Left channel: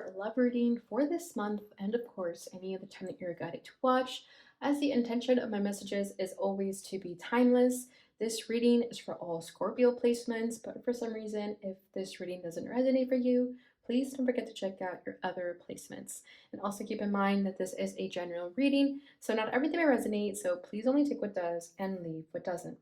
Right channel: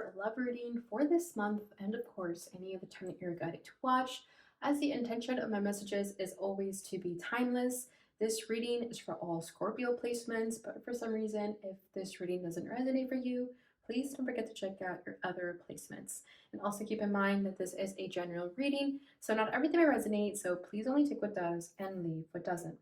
your love reading for this month, and of course, any of the time that you're guided to watch, as the intention of my messages is always to be timeless. This reading is for all Scorpio placements, but for some reason, if this reading doesn't resonate for you, please don't forget to check out your other placements. And also keep in mind that this is a general reading, so not everything will resonate, so please only take what does and leave what doesn't.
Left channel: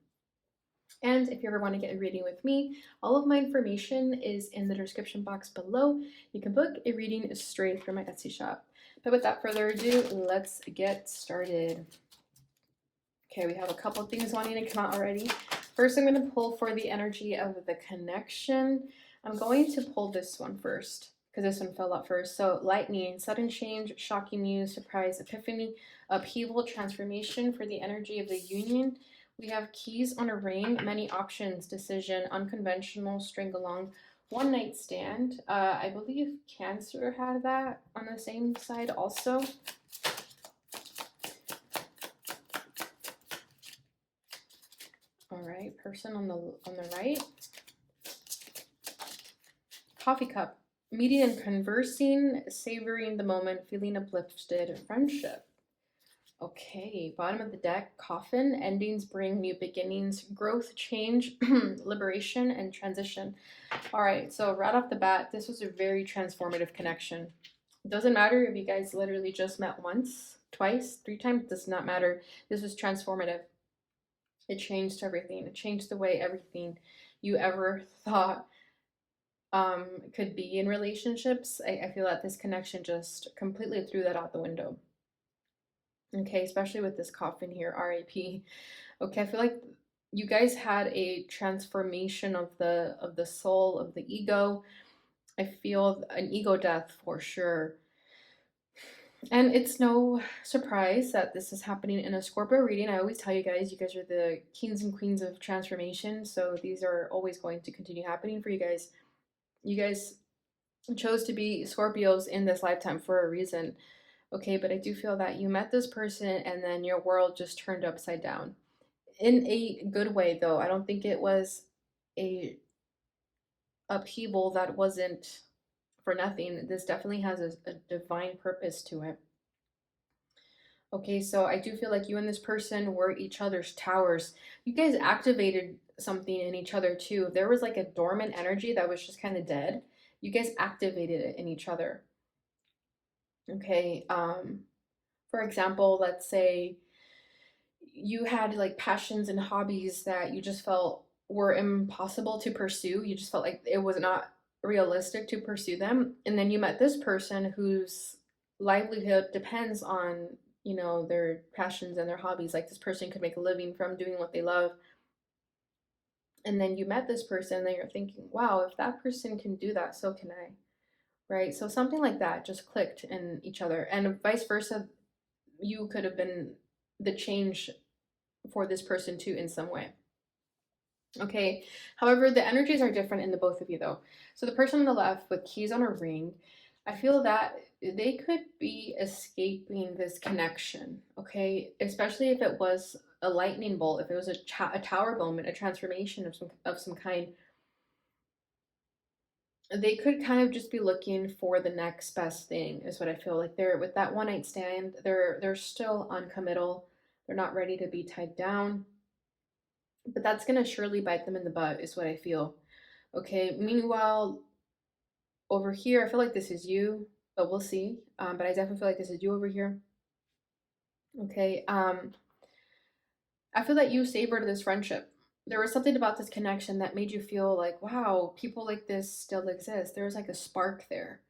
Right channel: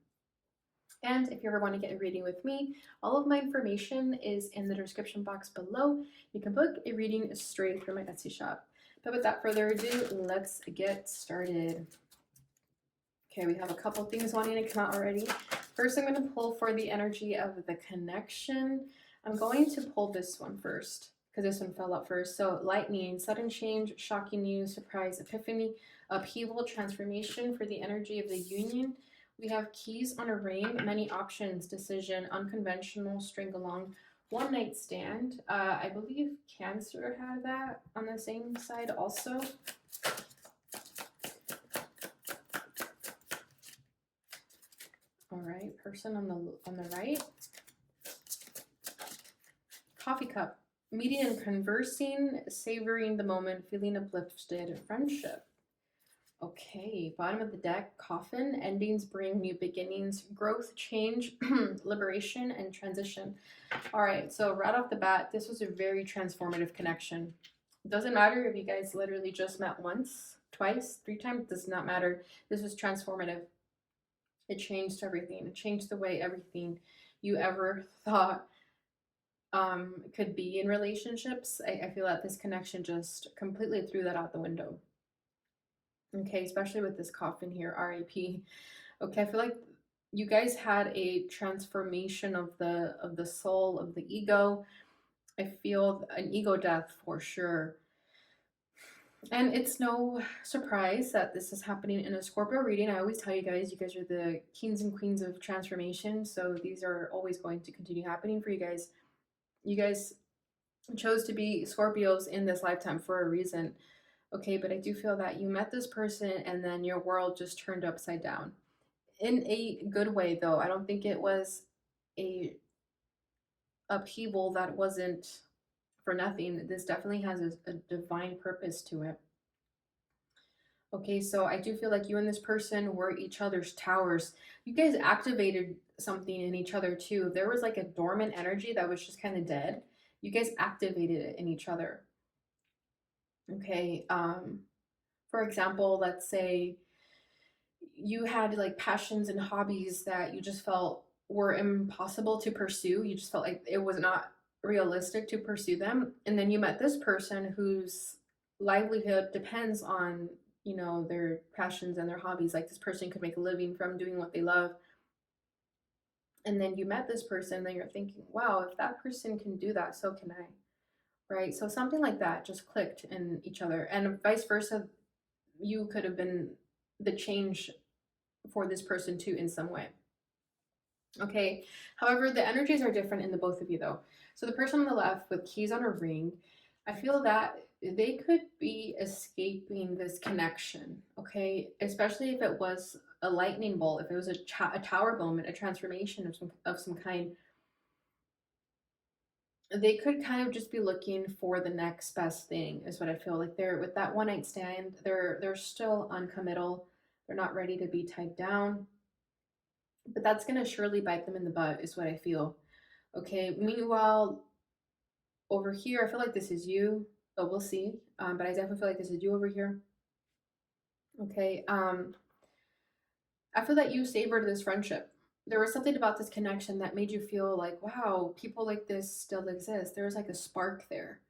And if you ever want to get a reading with me, all of my information is in the description box below. You can book a reading straight from my Etsy shop. But without further ado, let's get started. Okay, we have a couple things wanting to come out already. First, I'm going to pull for the energy of the connection. I'm going to pull this one first because this one fell out first. So lightning, sudden change, shocking news, surprise, epiphany, upheaval, transformation for the energy of the union. We have keys on a ring, many options, decision, unconventional, string along, one night stand. I believe Cancer had that on the same side also. All right, person on the right. Coffee cup, meeting and conversing, savoring the moment, feeling uplifted, friendship. Okay, bottom of the deck, coffin, endings bring new beginnings, growth, change, liberation, and transition. All right, so right off the bat, this was a very transformative connection. It doesn't matter if you guys literally just met once, twice, 3 times, it does not matter. This was transformative. It changed everything. It changed the way everything you ever thought could be in relationships. I feel that this connection just completely threw that out the window. Okay, especially with this coffin here, RIP. Okay, I feel like you guys had a transformation of the soul, of the ego. I feel an ego death for sure. And it's no surprise that this is happening in a Scorpio reading. I always tell you guys are the kings and queens of transformation. So these are always going to continue happening for you guys. You guys chose to be Scorpios in this lifetime for a reason. Okay, but I do feel that you met this person and then your world just turned upside down. In a good way, though. I don't think it was a upheaval that wasn't for nothing. This definitely has a divine purpose to it. Okay, so I do feel like you and this person were each other's towers. You guys activated something in each other too. There was like a dormant energy that was just kind of dead. You guys activated it in each other. Okay, for example, let's say you had like passions and hobbies that you just felt were impossible to pursue. You just felt like it was not realistic to pursue them. And then you met this person whose livelihood depends on, you know, their passions and their hobbies. Like this person could make a living from doing what they love. And then you met this person and you're thinking, wow, if that person can do that, so can I. Right? So something like that just clicked in each other, and vice versa. You could have been the change for this person too in some way. Okay, however, the energies are different in the both of you though. So the person on the left with keys on a ring, I feel that they could be escaping this connection. Okay, especially if it was a lightning bolt, if it was a tower moment, a transformation of some kind. They could kind of just be looking for the next best thing, is what I feel like. They're with that one night stand, they're still uncommittal. They're not ready to be tied down, but that's gonna surely bite them in the butt, is what I feel. Okay, meanwhile, over here, I feel like this is you, but we'll see. But I definitely feel like this is you over here. Okay, I feel that you savored this friendship. There was something about this connection that made you feel like, wow, people like this still exist. There was like a spark there.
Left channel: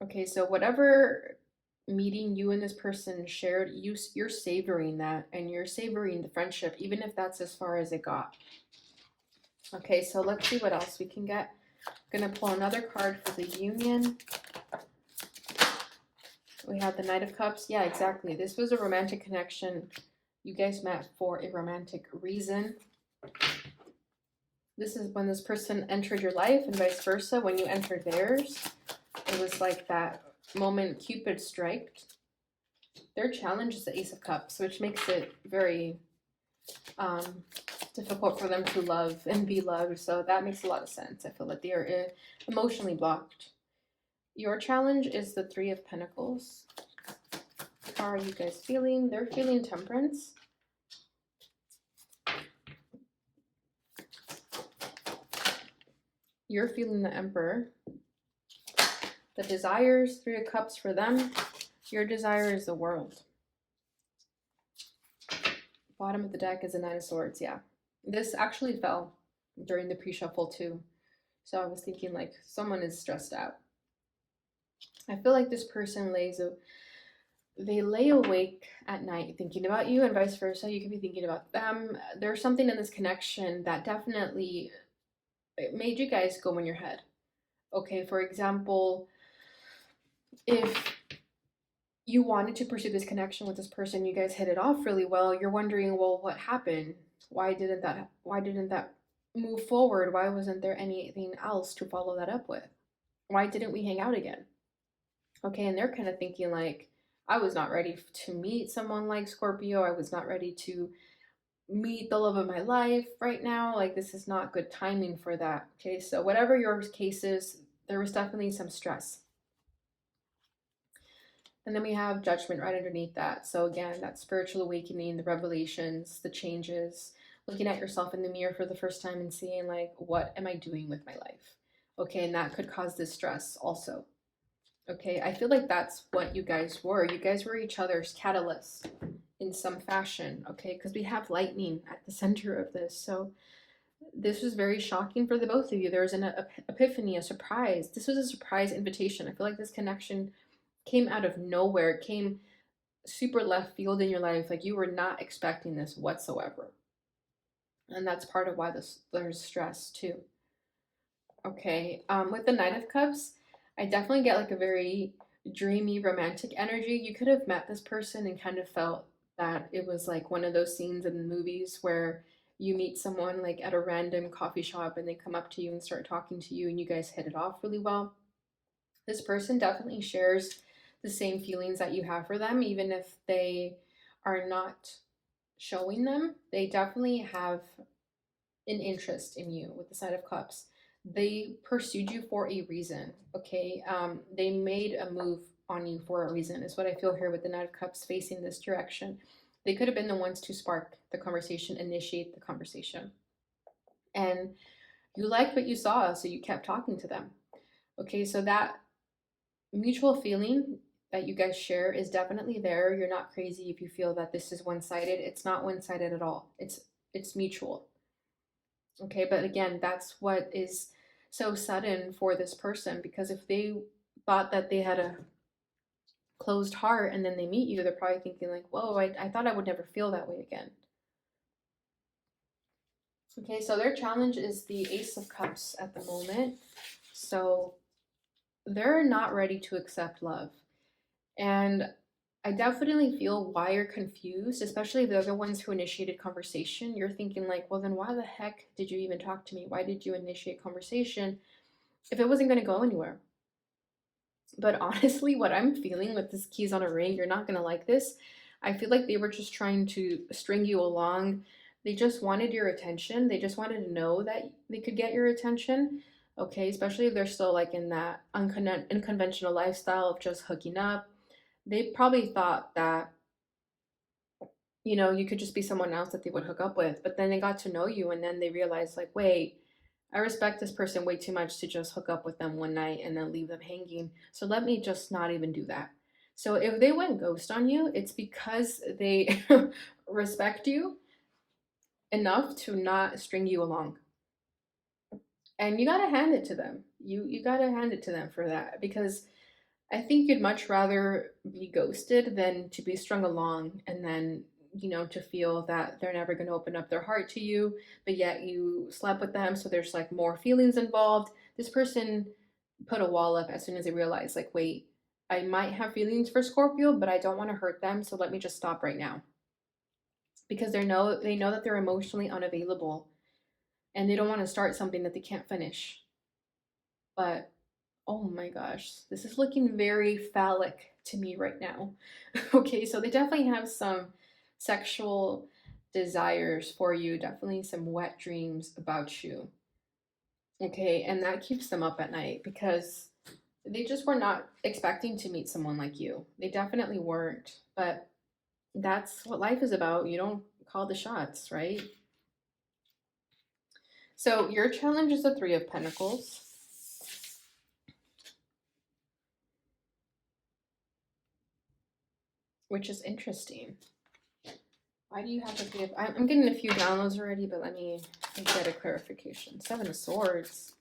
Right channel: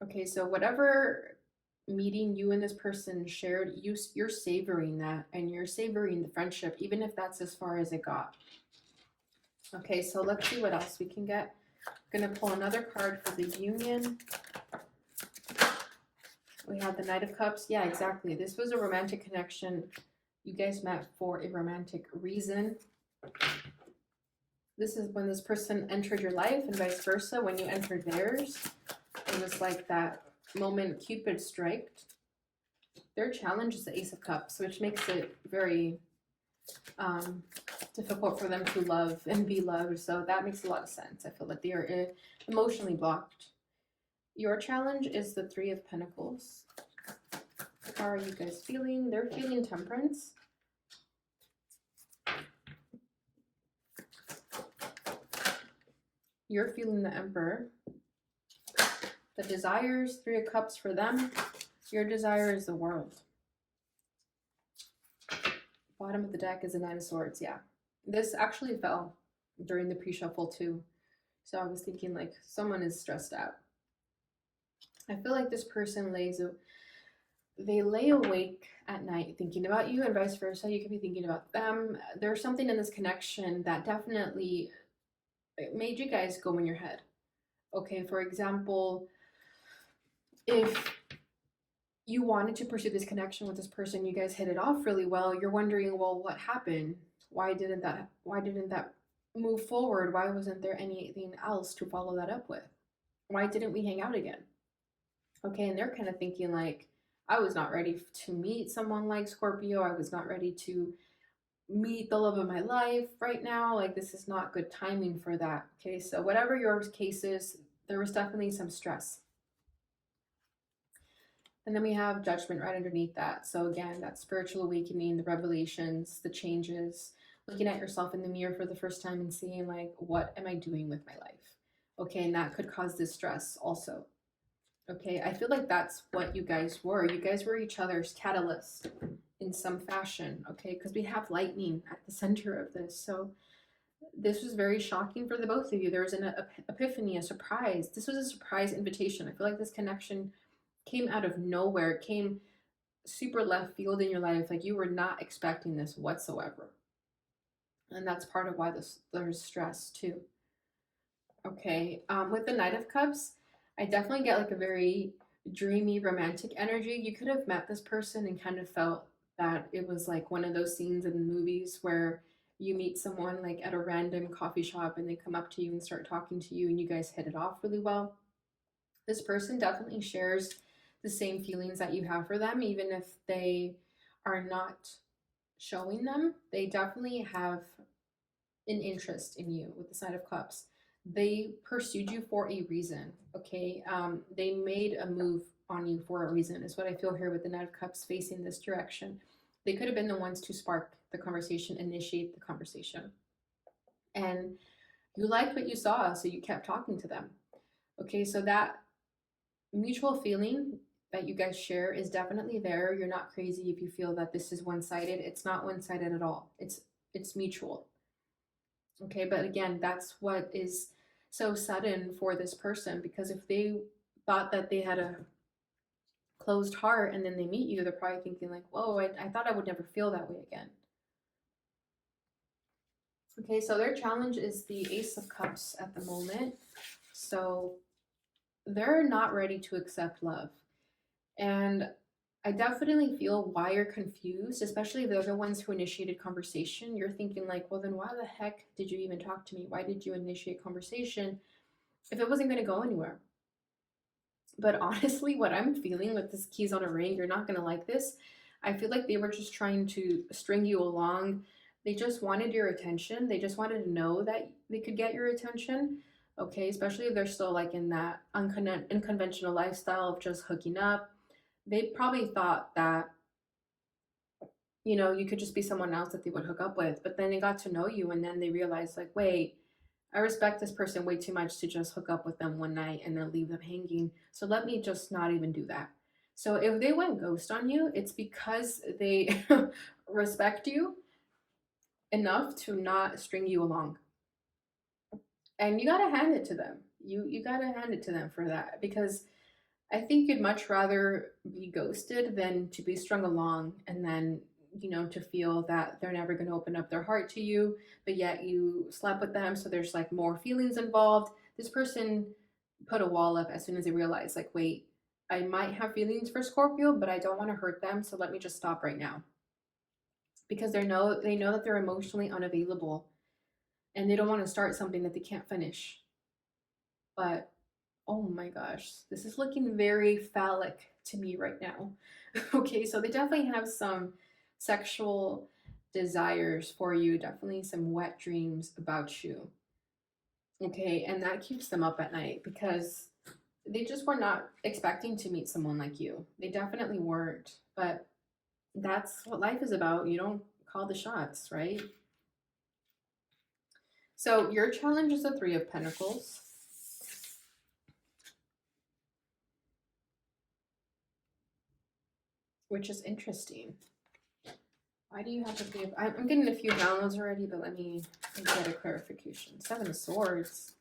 Okay, so whatever meeting you and this person shared, you're savoring that, and you're savoring the friendship, even if that's as far as it got. Okay, so let's see what else we can get. I'm gonna pull another card for the union. We have the Knight of Cups. Yeah, exactly. This was a romantic connection. You guys met for a romantic reason. This is when this person entered your life, and vice versa. When you entered theirs, it was like that moment Cupid striked. Their challenge is the Ace of Cups, which makes it very difficult for them to love and be loved. So that makes a lot of sense. I feel like they are emotionally blocked. Your challenge is the Three of Pentacles. How are you guys feeling? They're feeling temperance. You're feeling the Emperor. The desires, Three of Cups for them. Your desire is the world. Bottom of the deck is a Nine of Swords. Yeah. This actually fell during the pre-shuffle too. So I was thinking like someone is stressed out. I feel like this person they lay awake at night thinking about you, and vice versa. You could be thinking about them. There's something in this connection that definitely made you guys go in your head. Okay, for example, if you wanted to pursue this connection with this person, you guys hit it off really well, you're wondering, well, what happened? Why didn't that move forward? Why wasn't there anything else to follow that up with? Why didn't we hang out again? Okay, and they're kind of thinking like, I was not ready to meet someone like Scorpio. I was not ready to meet the love of my life right now. Like, this is not good timing for that. Okay, so whatever your case is, there was definitely some stress. And then we have Judgment right underneath that. So again, that spiritual awakening, the revelations, the changes, looking at yourself in the mirror for the first time and seeing like, what am I doing with my life? Okay, and that could cause this stress also. Okay, I feel like that's what you guys were. You guys were each other's catalyst in some fashion, okay? Because we have lightning at the center of this. So this was very shocking for the both of you. There was an epiphany, a surprise. This was a surprise invitation. I feel like this connection came out of nowhere. It came super left field in your life. Like you were not expecting this whatsoever. And that's part of why there's stress too. Okay, with the Knight of Cups, I definitely get like a very dreamy, romantic energy. You could have met this person and kind of felt that it was like one of those scenes in movies where you meet someone like at a random coffee shop and they come up to you and start talking to you and you guys hit it off really well. This person definitely shares the same feelings that you have for them, even if they are not showing them. They definitely have an interest in you with the Knight of Cups. They pursued you for a reason, okay? They made a move on you for a reason, is what I feel here with the Knight of Cups facing this direction. They could have been the ones to spark the conversation, initiate the conversation. And you liked what you saw, so you kept talking to them. Okay, so that mutual feeling that you guys share is definitely there. You're not crazy if you feel that this is one-sided. It's not one-sided at all. It's mutual. Okay, but again, that's what is so sudden for this person, because if they thought that they had a closed heart and then they meet you, they're probably thinking like, whoa, I thought I would never feel that way again. Okay, so their challenge is the Ace of Cups at the moment. So they're not ready to accept love. And I definitely feel why you're confused, especially the other ones who initiated conversation. You're thinking like, well, then why the heck did you even talk to me? Why did you initiate conversation if it wasn't going to go anywhere? But honestly, what I'm feeling with this keys on a ring, you're not going to like this. I feel like they were just trying to string you along. They just wanted your attention. They just wanted to know that they could get your attention. Okay, especially if they're still like in that unconventional lifestyle of just hooking up. They probably thought that, you know, you could just be someone else that they would hook up with. But then they got to know you and then they realized, like, wait, I respect this person way too much to just hook up with them one night and then leave them hanging. So let me just not even do that. So if they went ghost on you, it's because they respect you enough to not string you along. And you gotta hand it to them. You gotta hand it to them for that, because I think you'd much rather be ghosted than to be strung along and then, you know, to feel that they're never going to open up their heart to you, but yet you slept with them. So there's like more feelings involved. This person put a wall up as soon as they realized, like, wait, I might have feelings for Scorpio, but I don't want to hurt them. So let me just stop right now. Because they know that they're emotionally unavailable and they don't want to start something that they can't finish. But oh my gosh, this is looking very phallic to me right now. Okay, so they definitely have some sexual desires for you, definitely some wet dreams about you. Okay, and that keeps them up at night because They just were not expecting to meet someone like you. They definitely weren't. But that's what life is about. You don't call the shots, right? So your challenge is the Three of Pentacles. Which is interesting. Why do you have the Three of... I'm getting a few downloads already, but let me get a clarification. Seven of Swords.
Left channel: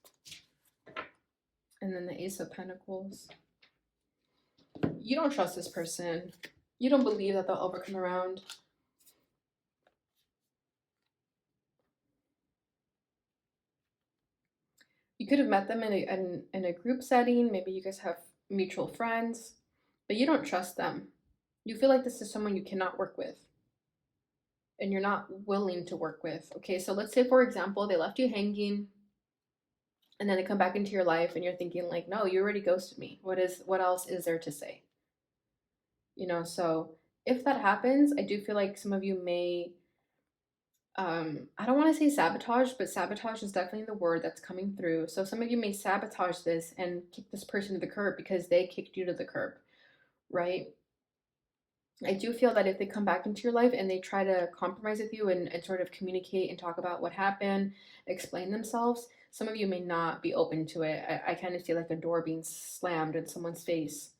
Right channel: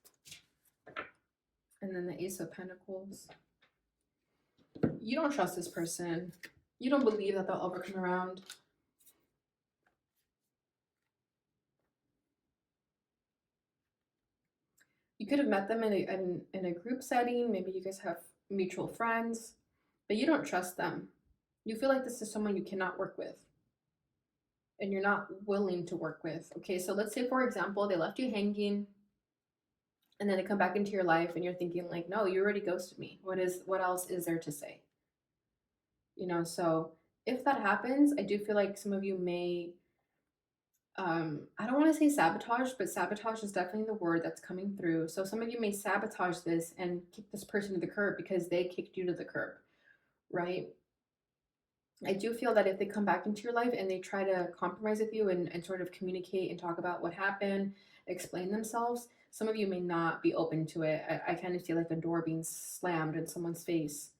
And then the Ace of Pentacles. You don't trust this person. You don't believe that they'll ever come around. You could have met them in a group setting. Maybe you guys have mutual friends, but you don't trust them. You feel like this is someone you cannot work with and you're not willing to work with. Okay, so let's say, for example, they left you hanging and then they come back into your life and you're thinking like, no, you already ghosted me. What else is there to say? You know, so if that happens, I do feel like some of you may, I don't want to say sabotage, but sabotage is definitely the word that's coming through. So some of you may sabotage this and kick this person to the curb because they kicked you to the curb, right? I do feel that if they come back into your life and they try to compromise with you and sort of communicate and talk about what happened, explain themselves, some of you may not be open to it. I kind of feel like a door being slammed in someone's face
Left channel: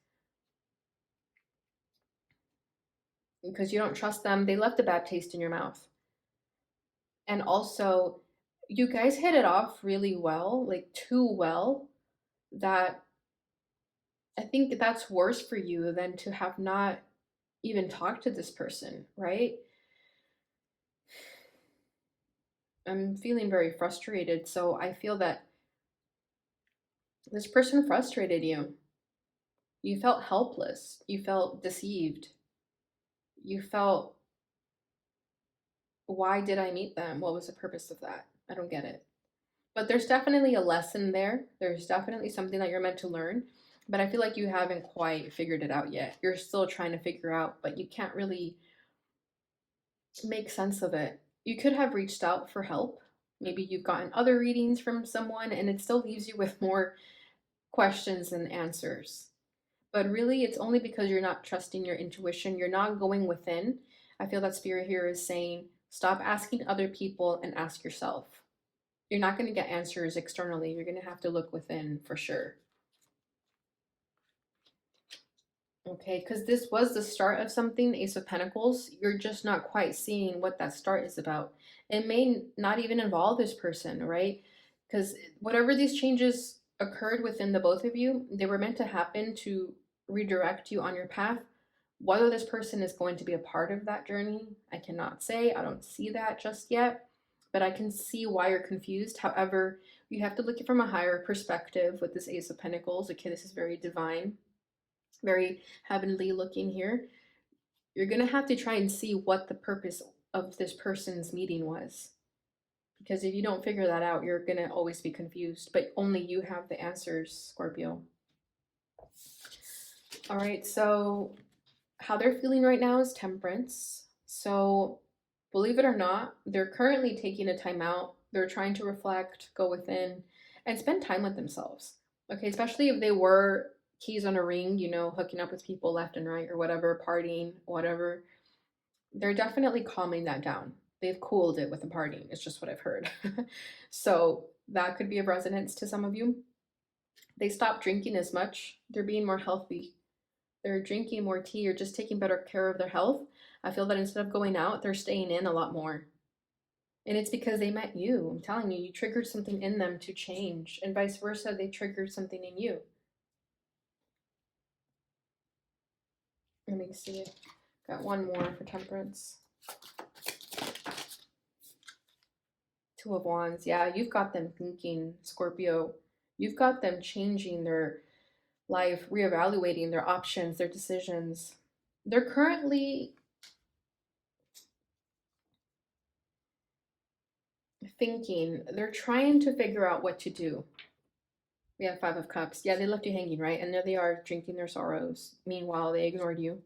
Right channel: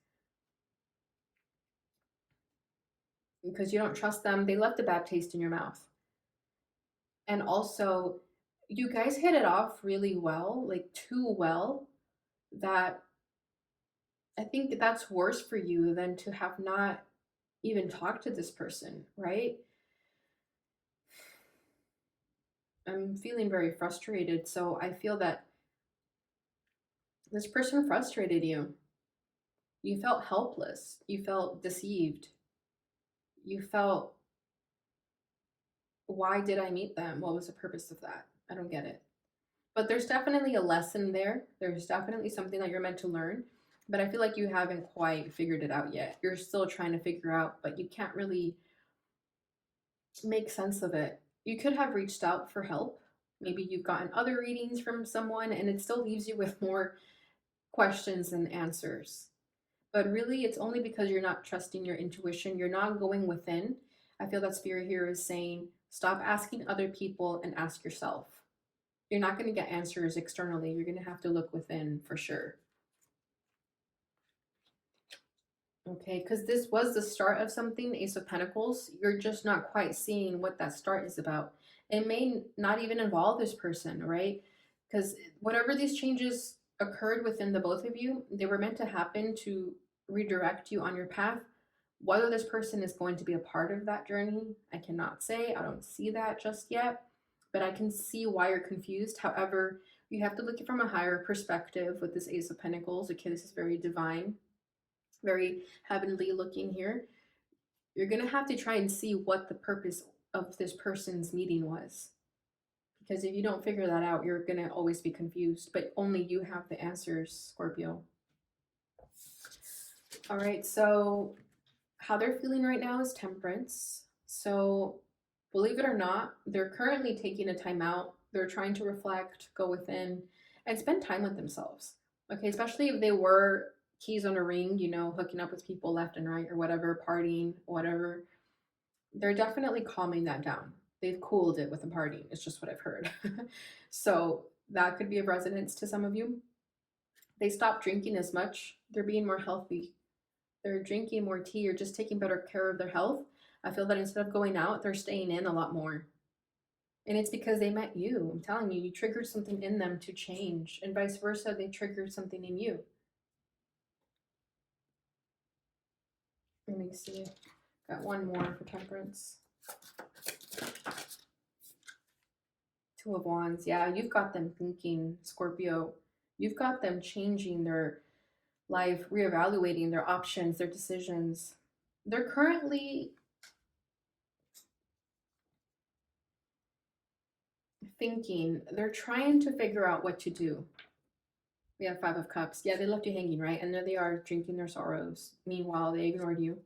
because you don't trust them. They left a bad taste in your mouth. And also, you guys hit it off really well, like too well, that I think that's worse for you than to have not even talked to this person, right? I'm feeling very frustrated. So I feel that this person frustrated you. You felt helpless. You felt deceived. You felt, why did I meet them? What was the purpose of that? I don't get it. But there's definitely a lesson there. There's definitely something that you're meant to learn. But I feel like you haven't quite figured it out yet. You're still trying to figure out, but you can't really make sense of it. You could have reached out for help. Maybe you've gotten other readings from someone and it still leaves you with more questions than answers. But really, it's only because you're not trusting your intuition. You're not going within. I feel that Spirit here is saying, stop asking other people and ask yourself. You're not going to get answers externally. You're going to have to look within for sure. Okay, because this was the start of something, Ace of Pentacles. You're just not quite seeing what that start is about. It may not even involve this person, right? Because whatever these changes occurred within the both of you, they were meant to happen to redirect you on your path. Whether this person is going to be a part of that journey, I cannot say. I don't see that just yet, but I can see why you're confused. However, you have to look at it from a higher perspective with this Ace of Pentacles. Okay, this is very divine, very heavenly looking here. You're going to have to try and see what the purpose of this person's meeting was. Because if you don't figure that out, you're going to always be confused. But only you have the answers, Scorpio. All right, so how they're feeling right now is Temperance. So believe it or not, they're currently taking a time out. They're trying to reflect, go within, and spend time with themselves. Okay, especially if they were keys on a ring, you know, hooking up with people left and right or whatever, partying, whatever. They're definitely calming that down. They've cooled it with the partying. It's just what I've heard. So that could be of resonance to some of you. They stopped drinking as much. They're being more healthy. They're drinking more tea or just taking better care of their health. I feel that instead of going out, they're staying in a lot more. And it's because they met you. I'm telling you, you triggered something in them to change, and vice versa, they triggered something in you. Let me see. Got one more for Temperance. Two of Wands. Yeah, you've got them thinking, Scorpio. You've got them changing their life, reevaluating their options, their decisions. They're currently thinking, they're trying to figure out what to do. We have Five of Cups. Yeah, they left you hanging, right? And there they are drinking their sorrows. Meanwhile, they ignored you.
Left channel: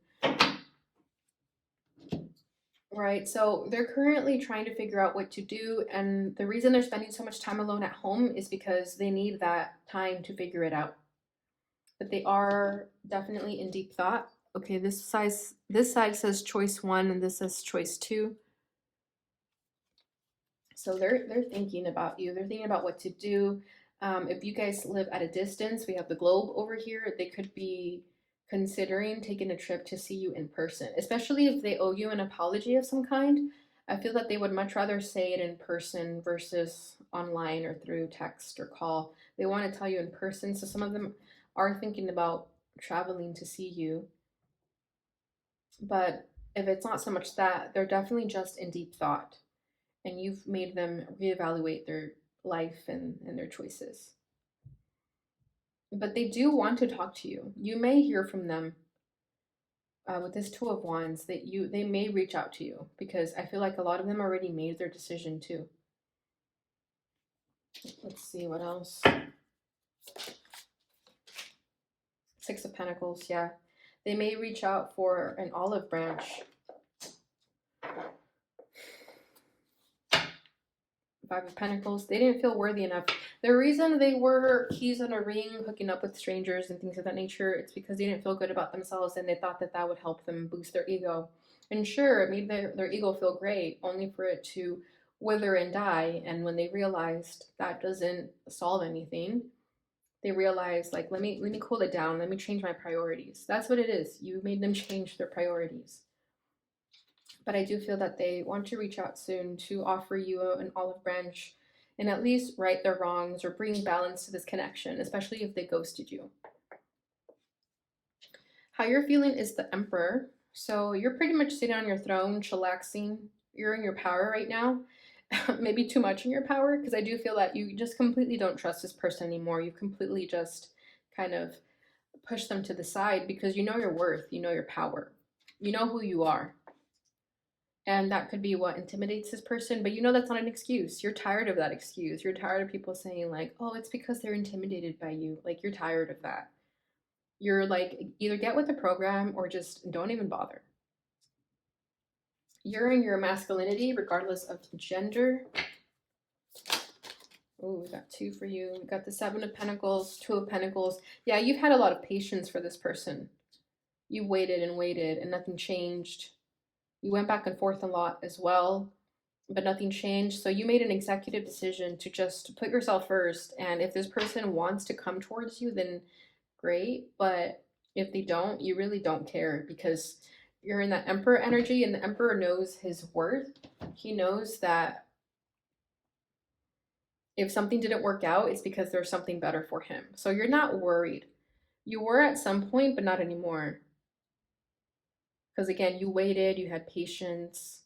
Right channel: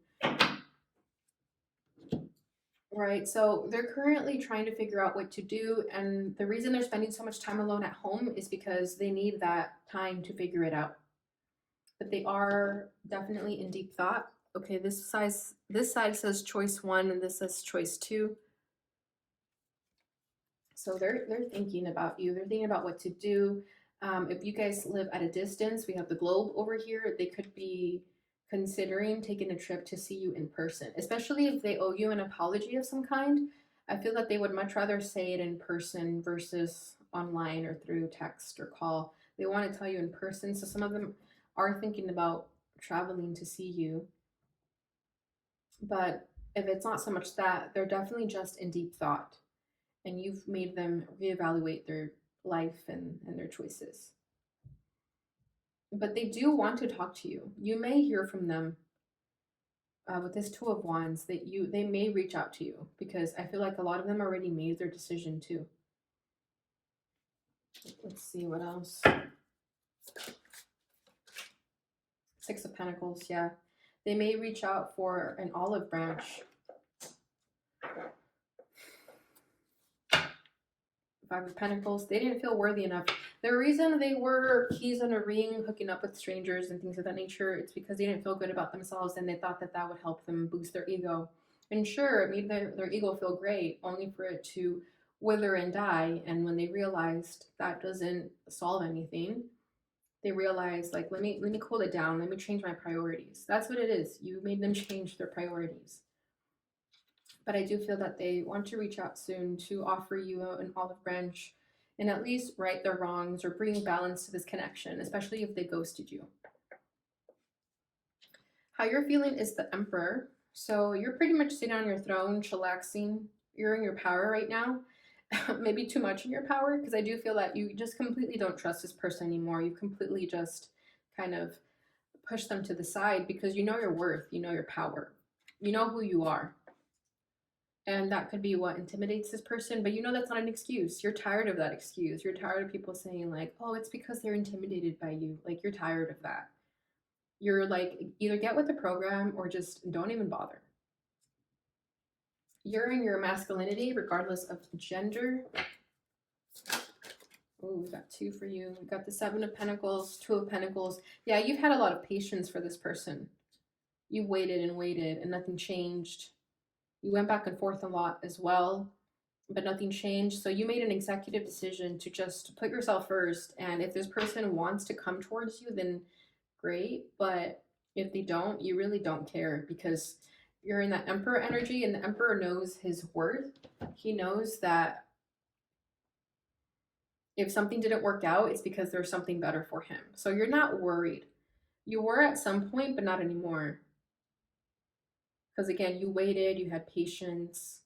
Right, so they're currently trying to figure out what to do. And the reason they're spending so much time alone at home is because they need that time to figure it out. but they are definitely in deep thought. Okay, this side says choice 1 and this says choice 2. So they're thinking about you. They're thinking about what to do. If you guys live at a distance, we have the globe over here. They could be considering taking a trip to see you in person, especially if they owe you an apology of some kind. I feel that they would much rather say it in person versus online or through text or call. They want to tell you in person. So some of them are thinking about traveling to see you. But if it's not so much that, they're definitely just in deep thought and you've made them reevaluate their life and their choices. But they do want to talk to you. You may hear from them with this Two of Wands that they may reach out to you because I feel like a lot of them already made their decision too. Let's see what else. Six of Pentacles, yeah. They may reach out for an olive branch. Five of Pentacles, they didn't feel worthy enough. The reason they were keys on a ring, hooking up with strangers and things of that nature, it's because they didn't feel good about themselves and they thought that that would help them boost their ego. And sure, it made their ego feel great, only for it to wither and die. And when they realized that doesn't solve anything, they realized, like, let me cool it down. Let me change my priorities. That's what it is. You made them change their priorities. But I do feel that they want to reach out soon to offer you an olive branch and at least right their wrongs or bring balance to this connection, especially if they ghosted you. How you're feeling is the Emperor. So you're pretty much sitting on your throne, chillaxing. You're in your power right now. Maybe too much in your power, because I do feel that you just completely don't trust this person anymore. You completely just kind of push them to the side because you know your worth, you know your power, you know who you are. And that could be what intimidates this person, but you know that's not an excuse. You're tired of that excuse. You're tired of people saying, like, oh, it's because they're intimidated by you. Like, you're tired of that. You're like, either get with the program or just don't even bother. You're in your masculinity, regardless of gender. Oh, we got two for you. We got the Seven of Pentacles, Two of Pentacles. Yeah, you've had a lot of patience for this person. You waited and waited and nothing changed. You went back and forth a lot as well, but nothing changed. So you made an executive decision to just put yourself first. And if this person wants to come towards you, then great. But if they don't, you really don't care because you're in that Emperor energy and the Emperor knows his worth. He knows that if something didn't work out, it's because there's something better for him. So you're not worried. You were at some point, but not anymore. Because again, you waited, you had patience,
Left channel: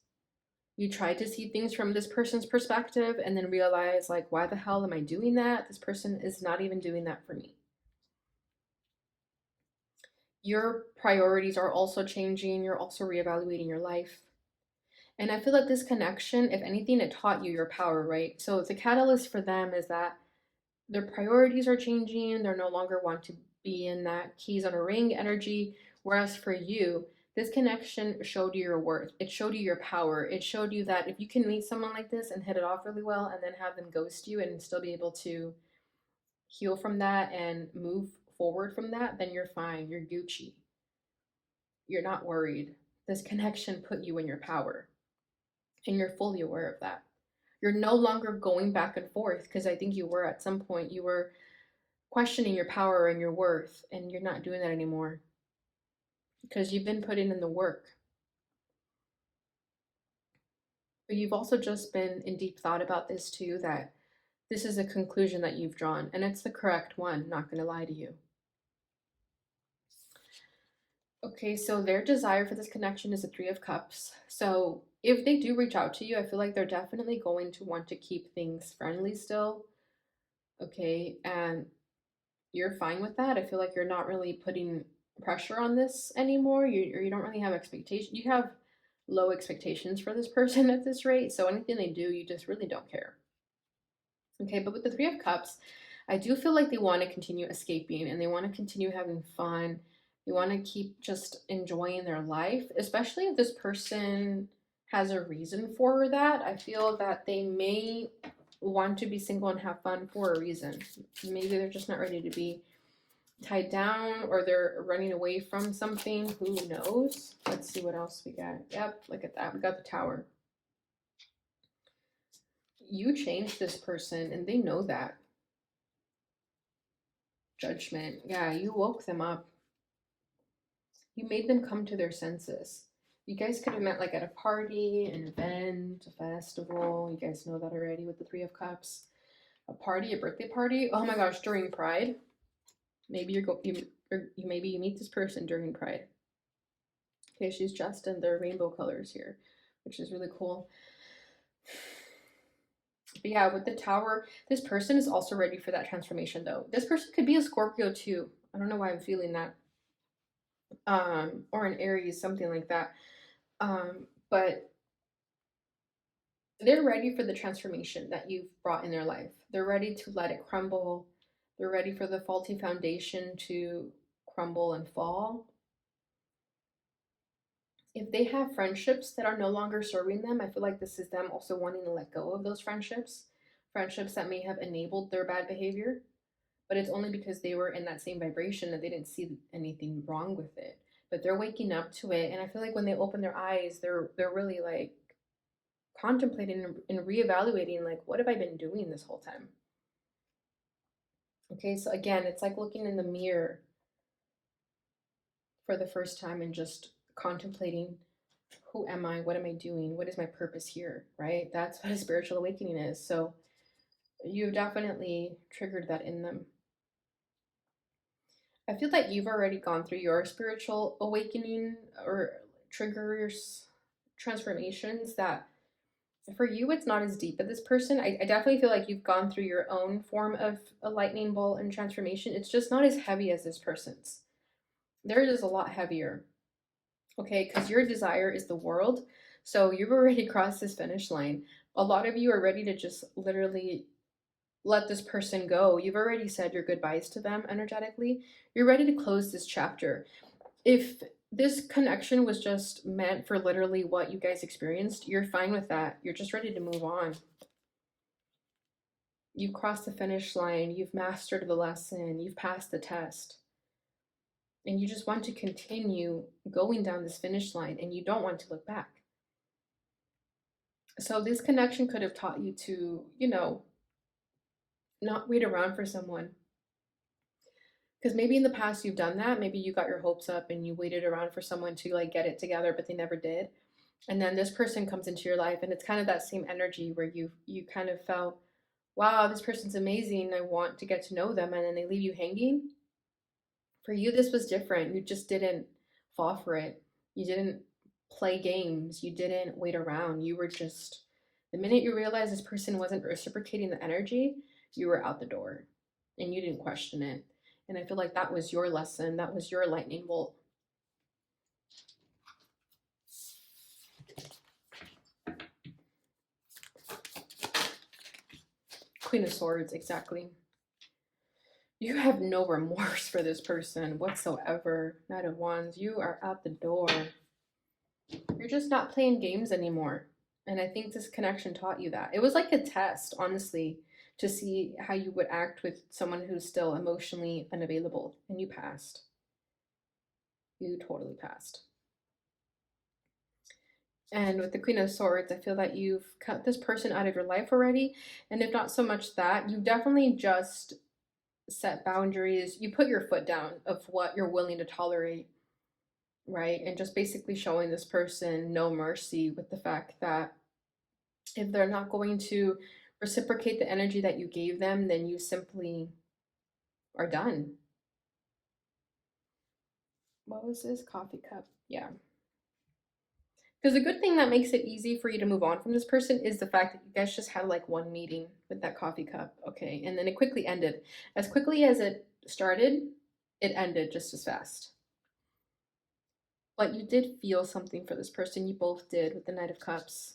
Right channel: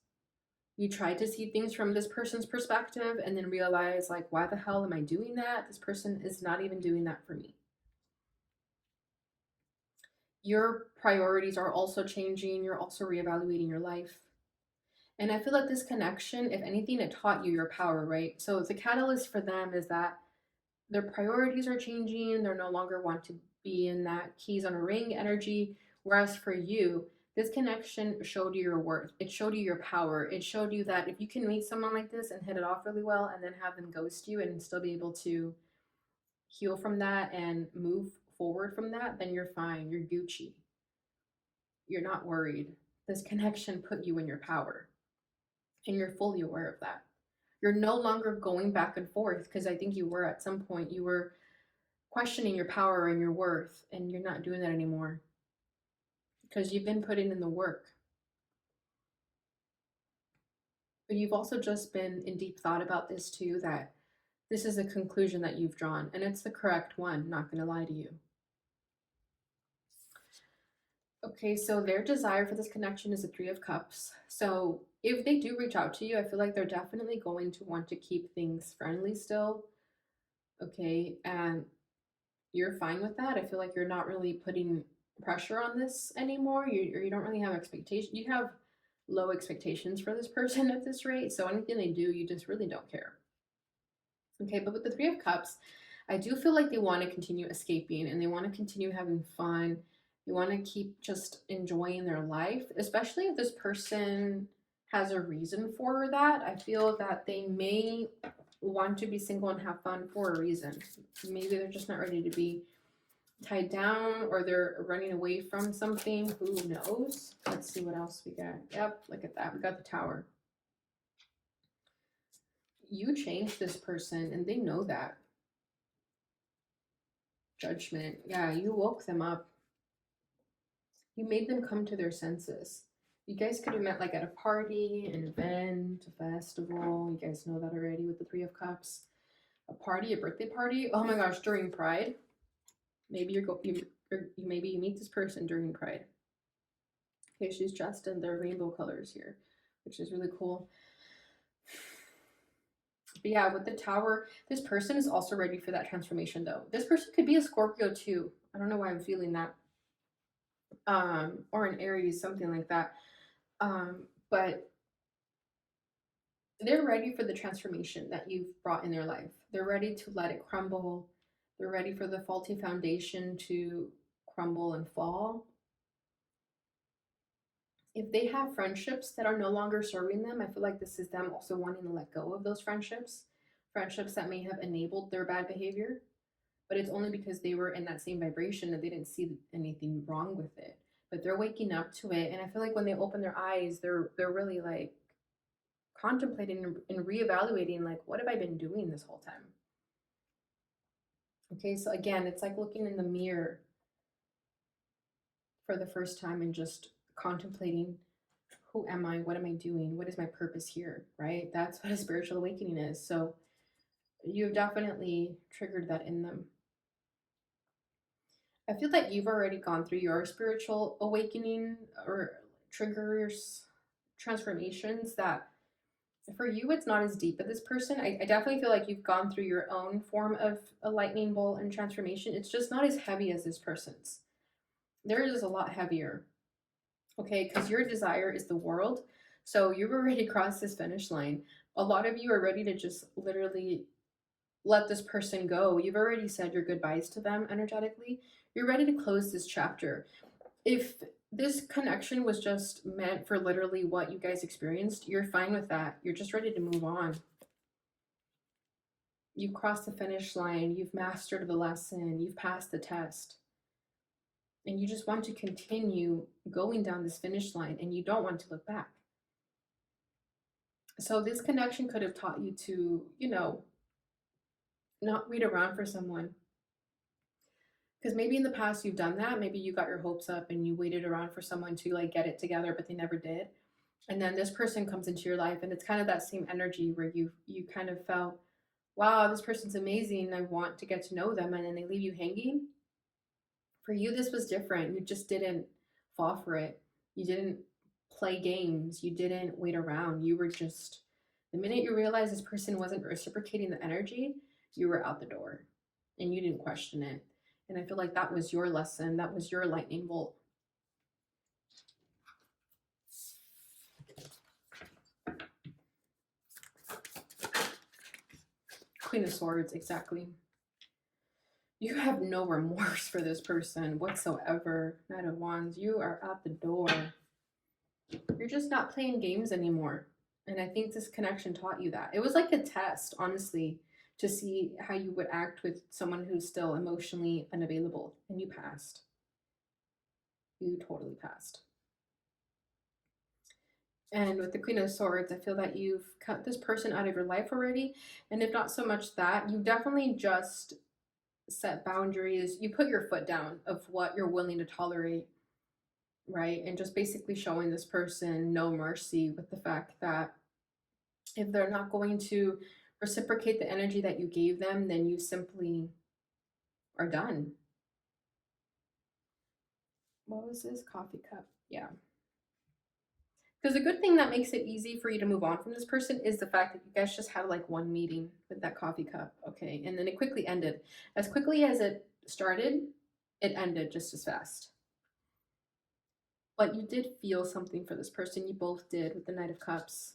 you tried to see things from this person's perspective and then realize, like, why the hell am I doing that? This person is not even doing that for me. Your priorities are also changing. You're also reevaluating your life. And I feel that this connection, if anything, it taught you your power, right? So the catalyst for them is that their priorities are changing. They're no longer want to be in that keys on a ring energy. Whereas for you, this connection showed you your worth. It showed you your power. It showed you that if you can meet someone like this and hit it off really well and then have them ghost you and still be able to heal from that and move forward from that, then you're fine. You're Gucci. You're not worried. This connection put you in your power and you're fully aware of that. You're no longer going back and forth because I think you were at some point, you were questioning your power and your worth, and you're not doing that anymore because you've been putting in the work. But you've also just been in deep thought about this too, that this is a conclusion that you've drawn, and it's the correct one, not going to lie to you. Okay, so their desire for this connection is the Three of Cups. So if they do reach out to you, I feel like they're definitely going to want to keep things friendly still. Okay, and you're fine with that. I feel like you're not really putting pressure on this anymore. You don't really have expectations. You have low expectations for this person at this rate. So anything they do, you just really don't care. Okay, but with the Three of Cups, I do feel like they want to continue escaping and they want to continue having fun. They want to keep just enjoying their life, especially if this person has a reason for that. I feel that they may want to be single and have fun for a reason. Maybe they're just not ready to be tied down, or they're running away from something. Who knows? Let's see what else we got. Yep, look at that. We got the Tower. You changed this person and they know that. Judgment. Yeah, you woke them up. You made them come to their senses. You guys could have met like at a party, an event, a festival. You guys know that already with the Three of Cups. A party, a birthday party. Oh my gosh, during Pride. Maybe maybe you meet this person during Pride. Okay, she's dressed in their rainbow colors here, which is really cool. But yeah, with the Tower, this person is also ready for that transformation though. This person could be a Scorpio too. I don't know why I'm feeling that. Or an Aries, something like that. But they're ready for the transformation that you've brought in their life. They're ready to let it crumble. They're ready for the faulty foundation to crumble and fall. If they have friendships that are no longer serving them, I feel like this is them also wanting to let go of those friendships. Friendships that may have enabled their bad behavior, but it's only because they were in that same vibration that they didn't see anything wrong with it. But they're waking up to it, and I feel like when they open their eyes, they're really like contemplating and reevaluating, like, what have I been doing this whole time? Okay, so again, it's like looking in the mirror for the first time and just contemplating, who am I? What am I doing? What is my purpose here? Right? That's what a spiritual awakening is. So you've definitely triggered that in them. I feel like you've already gone through your spiritual awakening or triggers, transformations that for you it's not as deep as this person. I definitely feel like you've gone through your own form of a lightning bolt and transformation. It's just not as heavy as this person's. Theirs is a lot heavier. Okay, because your desire is the world. So you've already crossed this finish line. A lot of you are ready to just literally let this person go. You've already said your goodbyes to them energetically. You're ready to close this chapter. If this connection was just meant for literally what you guys experienced, you're fine with that. You're just ready to move on. You've crossed the finish line. You've mastered the lesson. You've passed the test. And you just want to continue going down this finish line and you don't want to look back. So this connection could have taught you to, not wait around for someone. Because maybe in the past you've done that. Maybe you got your hopes up and you waited around for someone to like get it together, but they never did. And then this person comes into your life and it's kind of that same energy where you kind of felt, wow, this person's amazing. I want to get to know them. And then they leave you hanging. For you, this was different. You just didn't fall for it. You didn't play games. You didn't wait around. You were just, the minute you realized this person wasn't reciprocating the energy, you were out the door and you didn't question it. And I feel like that was your lesson. That was your lightning bolt. Queen of Swords, exactly. You have no remorse for this person whatsoever. Knight of Wands, you are out the door. You're just not playing games anymore. And I think this connection taught you that. It was like a test, honestly, to see how you would act with someone who's still emotionally unavailable. And you passed. You totally passed. And with the Queen of Swords, I feel that you've cut this person out of your life already. And if not so much that, you definitely just set boundaries. You put your foot down of what you're willing to tolerate, right? And just basically showing this person no mercy with the fact that if they're not going to reciprocate the energy that you gave them, then you simply are done. What was this? Coffee cup. Yeah. Because the good thing that makes it easy for you to move on from this person is the fact that you guys just had like one meeting with that coffee cup, okay? And then it quickly ended. As quickly as it started, it ended just as fast. But you did feel something for this person. You both did with the Knight of Cups.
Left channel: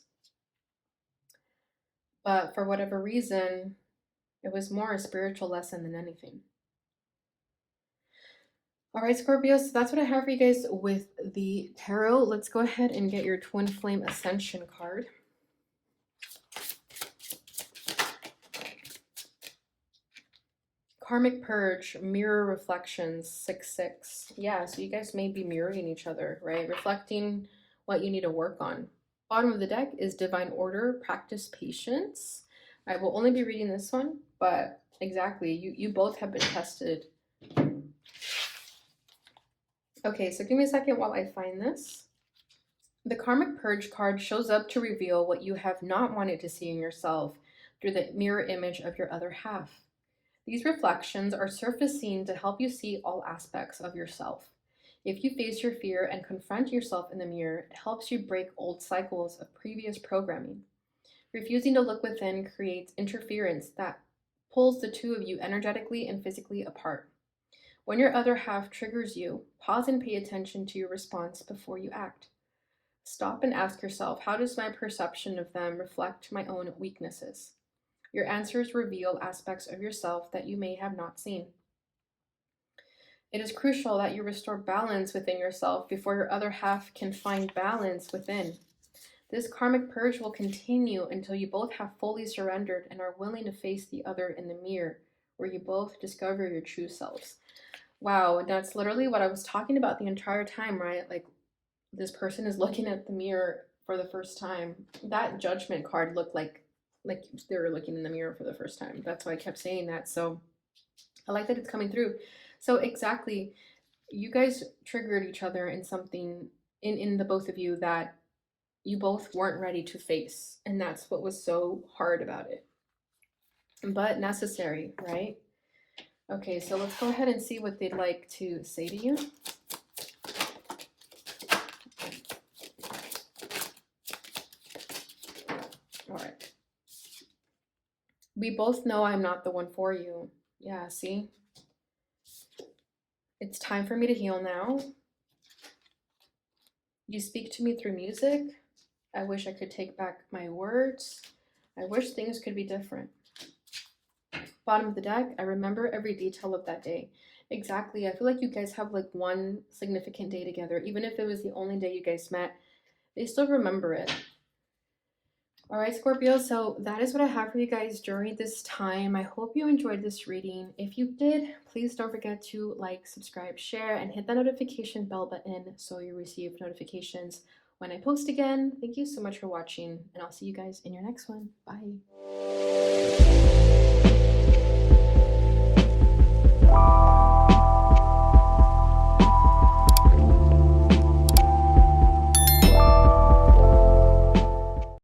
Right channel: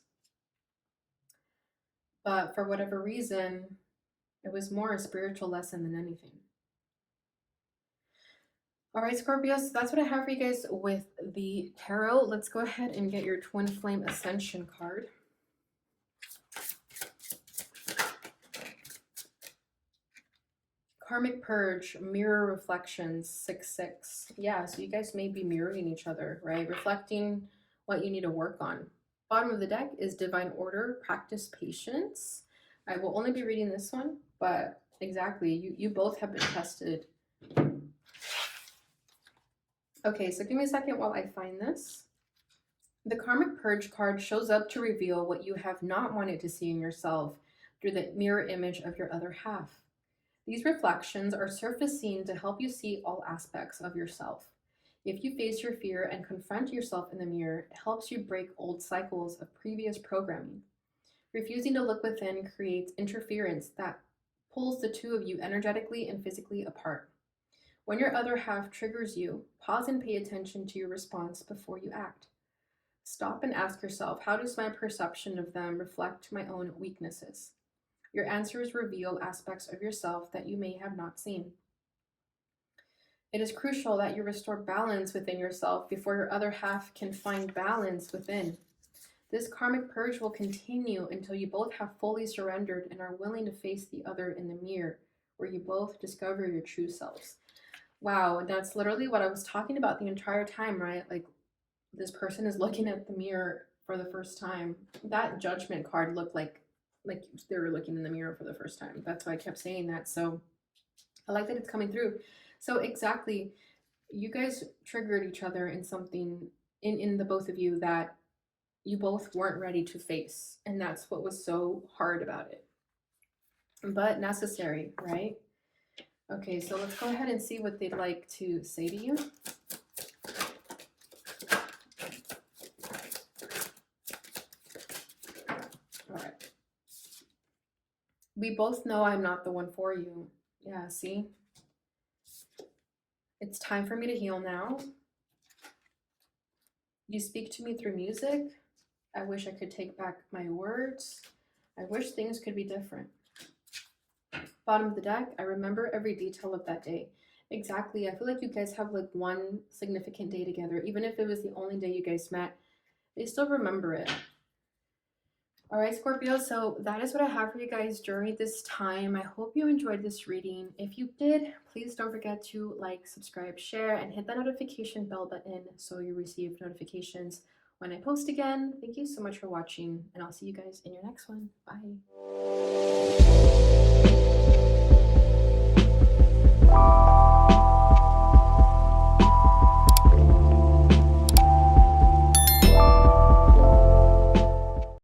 But for whatever reason, it was more a spiritual lesson than anything. All right, Scorpios, so that's what I have for you guys with the tarot. Let's go ahead and get your Twin Flame Ascension card. Karmic purge, mirror reflections, 6-6. Yeah, so you guys may be mirroring each other, right? Reflecting what you need to work on. Bottom of the deck is divine order, practice patience. I will only be reading this one, but exactly, you both have been tested. Okay, so give me a second while I find this. The karmic purge card shows up to reveal what you have not wanted to see in yourself through the mirror image of your other half. These reflections are surfacing to help you see all aspects of yourself. If you face your fear and confront yourself in the mirror, it helps you break old cycles of previous programming. Refusing to look within creates interference that pulls the two of you energetically and physically apart. When your other half triggers you, pause and pay attention to your response before you act. Stop and ask yourself, how does my perception of them reflect my own weaknesses? Your answers reveal aspects of yourself that you may have not seen. It is crucial that you restore balance within yourself before your other half can find balance within. This karmic purge will continue until you both have fully surrendered and are willing to face the other in the mirror, where you both discover your true selves. Wow, that's literally what I was talking about the entire time, right? Like, this person is looking at the mirror for the first time. That judgment card looked like they were looking in the mirror for the first time. That's why I kept saying that. So I like that it's coming through. So exactly, you guys triggered each other in something in the both of you that you both weren't ready to face. And that's what was so hard about it. But necessary, right? Okay, so let's go ahead and see what they'd like to say to you. All right. We both know I'm not the one for you. Yeah, see? It's time for me to heal now. You speak to me through music. I wish I could take back my words. I wish things could be different. Bottom of the deck, I remember every detail of that day. Exactly. I feel like you guys have like one significant day together. Even if it was the only day you guys met, they still remember it. All right, Scorpio, so that is what I have for you guys during this time. I hope you enjoyed this reading. If you did, please don't forget to like, subscribe, share, and hit the notification bell button so you receive notifications when I post again. Thank you so much for watching, and I'll see you guys in your next one. Bye.